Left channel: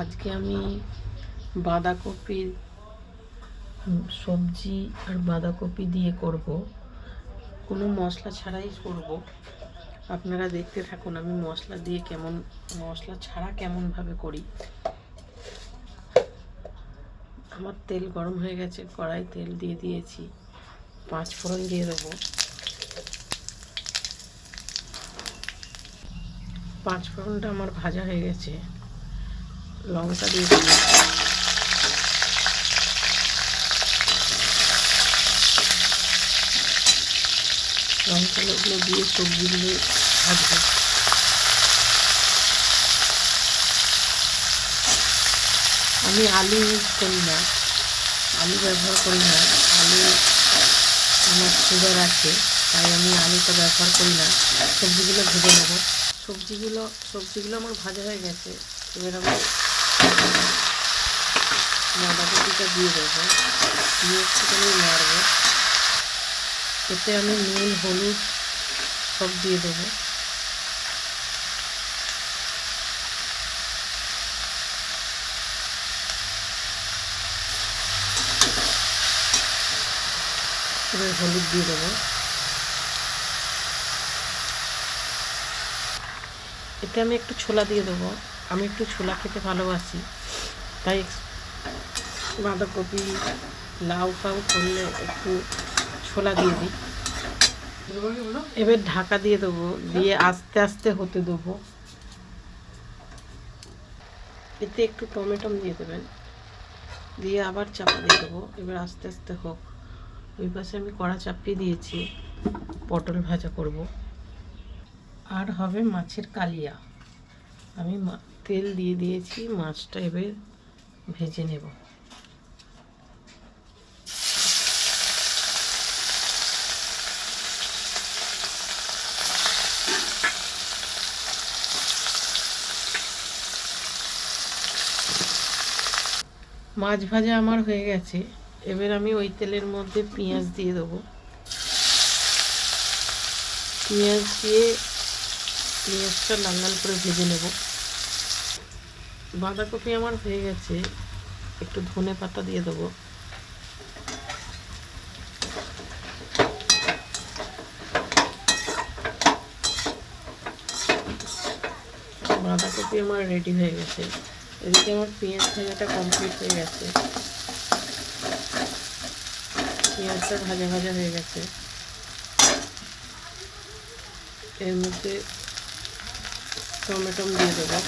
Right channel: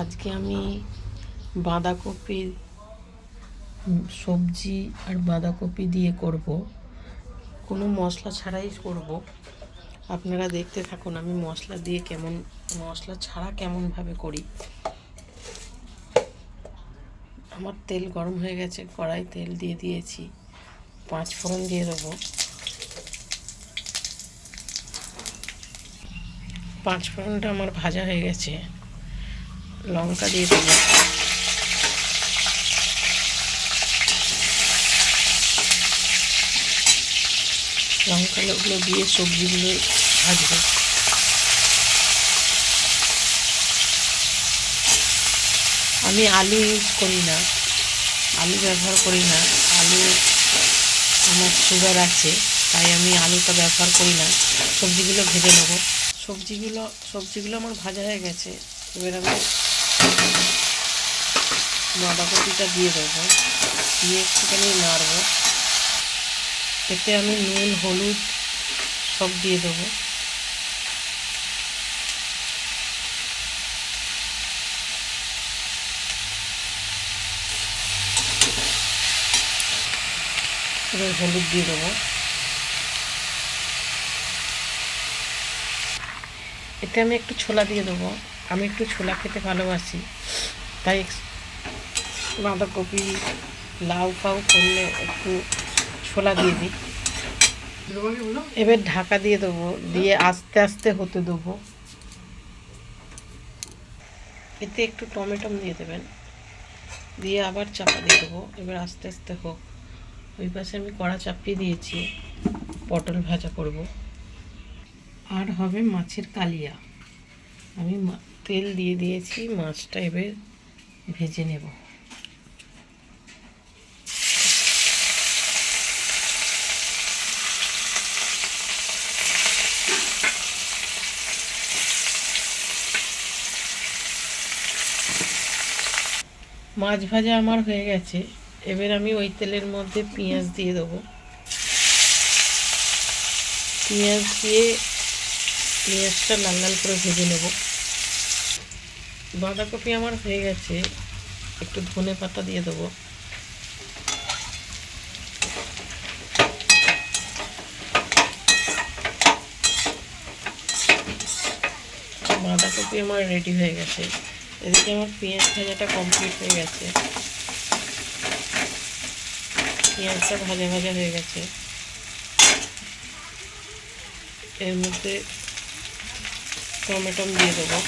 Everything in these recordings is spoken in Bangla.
আজকে আমি বাঁধাকপির সবজি আর বাঁধাকপি দিয়ে করব, কোনো মশলা ছাড়াই করব। আপনারা দেখতে থাকুন আমি মশলা ছাড়া কেমনভাবে করি। আমার তেল গরম হয়ে গেছে, কড়াই তেল দিয়ে দিয়েছি, 5 ফোড়ন দিয়ে দেবো। 5 ফোড়নটা আমার ভাজা হয়ে গেছে, লঙ্কা দিয়ে দেবো। লঙ্কাগুলো দিয়ে সবজিগুলো ভাজবো। আমি আলু ইউজ করি না, আলু ব্যবহার করি না। আলু আমার সুগার আছে, তাই আমি আলুটা ব্যবহার করি না। সবজিগুলো ভেজে নেব। সবজিগুলো আমার ভাজা হয়ে গেছে। এবার আমি বাঁধাকপিটা দিয়ে দেবো, দিয়ে একটুখানি নাড়বো। এতে আমি নুন, হলুদ সব দিয়ে দেবো। এবার হলুদ দিয়ে দেবো। এতে আমি একটু ছোলা দিয়ে দেবো। আমি একটু ছোলা খেতে ভালোবাসি, তাই বাঁধাকপি লাউ ফাউ করলে একটু ছোলা দিয়ে দিই। এবার ঢাকা দিয়ে দেবো, দিয়ে আস্তে আস্তে হতে দেবো। এতে একটু টমেটো দিয়ে দেবেন, দিয়ে আবার চাপা দিয়ে দেবো। এবার আস্তে আস্তে হোক। ওই পাশে আমি কড়া চাপিয়ে দিয়েছি, পটল ভাজা করব। আর হবে মাছের কালিয়া। আমি তেল দিয়ে দিয়েছি, মাছটা এবার ভেজে নেব। মাছ ভাজা আমার হয়ে গেছে। এবার আমি ওই তেলের মধ্যে পেঁয়াজ দিয়ে দেবো। পেঁয়াজ দিয়ে পেঁয়াজটা লাল লাল করে ভেজে নেব। বাঁধাকপি আমার হয়ে গেছে, একটু ধনে পাতা দিয়ে দেবো। বাঁধাকপি আমার রেডি হয়ে গেছে। এদিকে আমার পেঁয়াজ ভাজাটা কমপ্লিট হয়ে গেছে। পেঁয়াজটা ভাজা ভাজা হয়ে গেছে। এর মধ্যে টমেটো দিয়ে দেবো।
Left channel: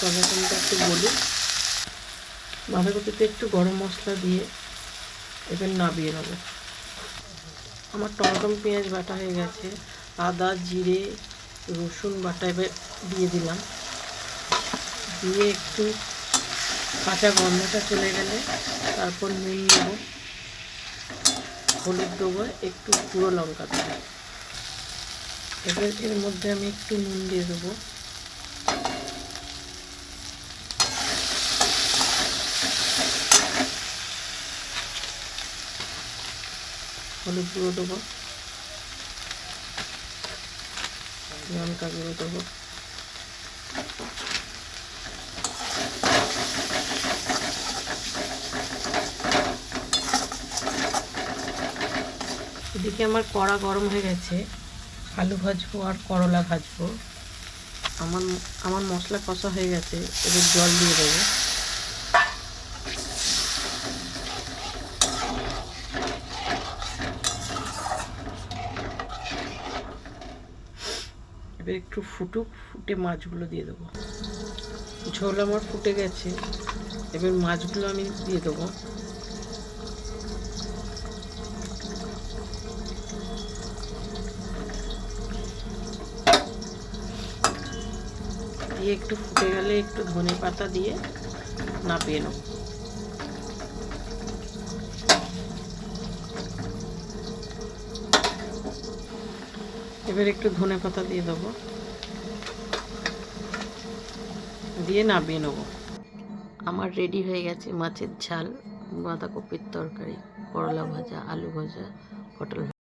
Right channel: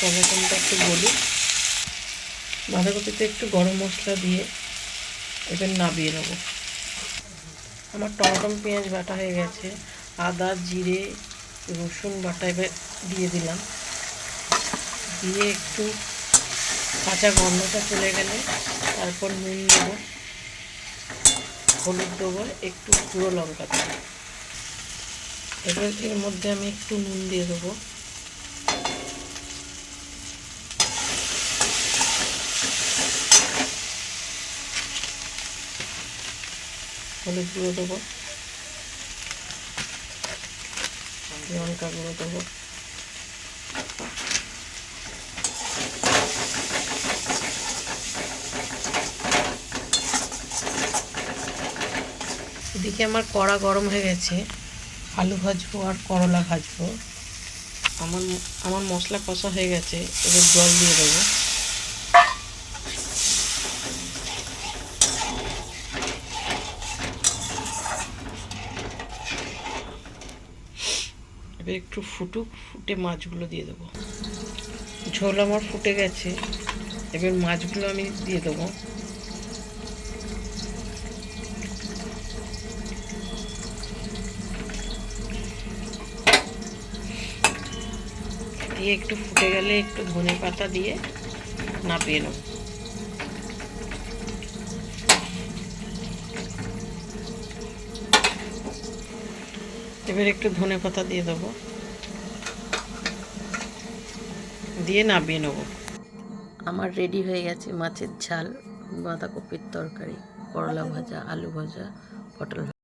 টমেটোটা একটু গলি, বাঁধাকপিতে একটু গরম মশলা দিয়ে এবার নামিয়ে নেবো। আমার টমেটো পেঁয়াজ বাটা হয়ে গেছে। আদা, জিরে, রসুন বাটা এবার দিয়ে দিলাম। দিয়ে একটু কাঁচা গন্ধটা চলে গেলে তারপর নুন দেবো, হলুদ দেবো, একটু গুঁড়ো লঙ্কা দেবো। এবার এর মধ্যে আমি একটু নুন দিয়ে দেবো। হলুদ গুঁড়ো দেবো, লঙ্কা গুঁড়ো দেবো। এদিকে আমার কড়া গরম হয়ে গেছে, আলু ভাজবো আর করলা ভাজবো। আমার মশলা কষা হয়ে গেছে। এবার জল দিয়ে দেবো। এবার একটু ফুটে মাছগুলো দিয়ে দেবো। ঝোল আমার ফুটে গেছে, এবার মাছগুলো আমি দিয়ে দেবো। দিয়ে একটু ফুটে গেলে একটু ধনে পাতা দিয়ে নামিয়ে নেব। এবার একটু ধনে পাতা দিয়ে দেবো, দিয়ে নামিয়ে নেব। আমার রেডি হয়ে গেছে মাছের ঝাল, বাঁধাকপির তরকারি, করলা ভাজা, আলু ভাজা, পটল ভাজা।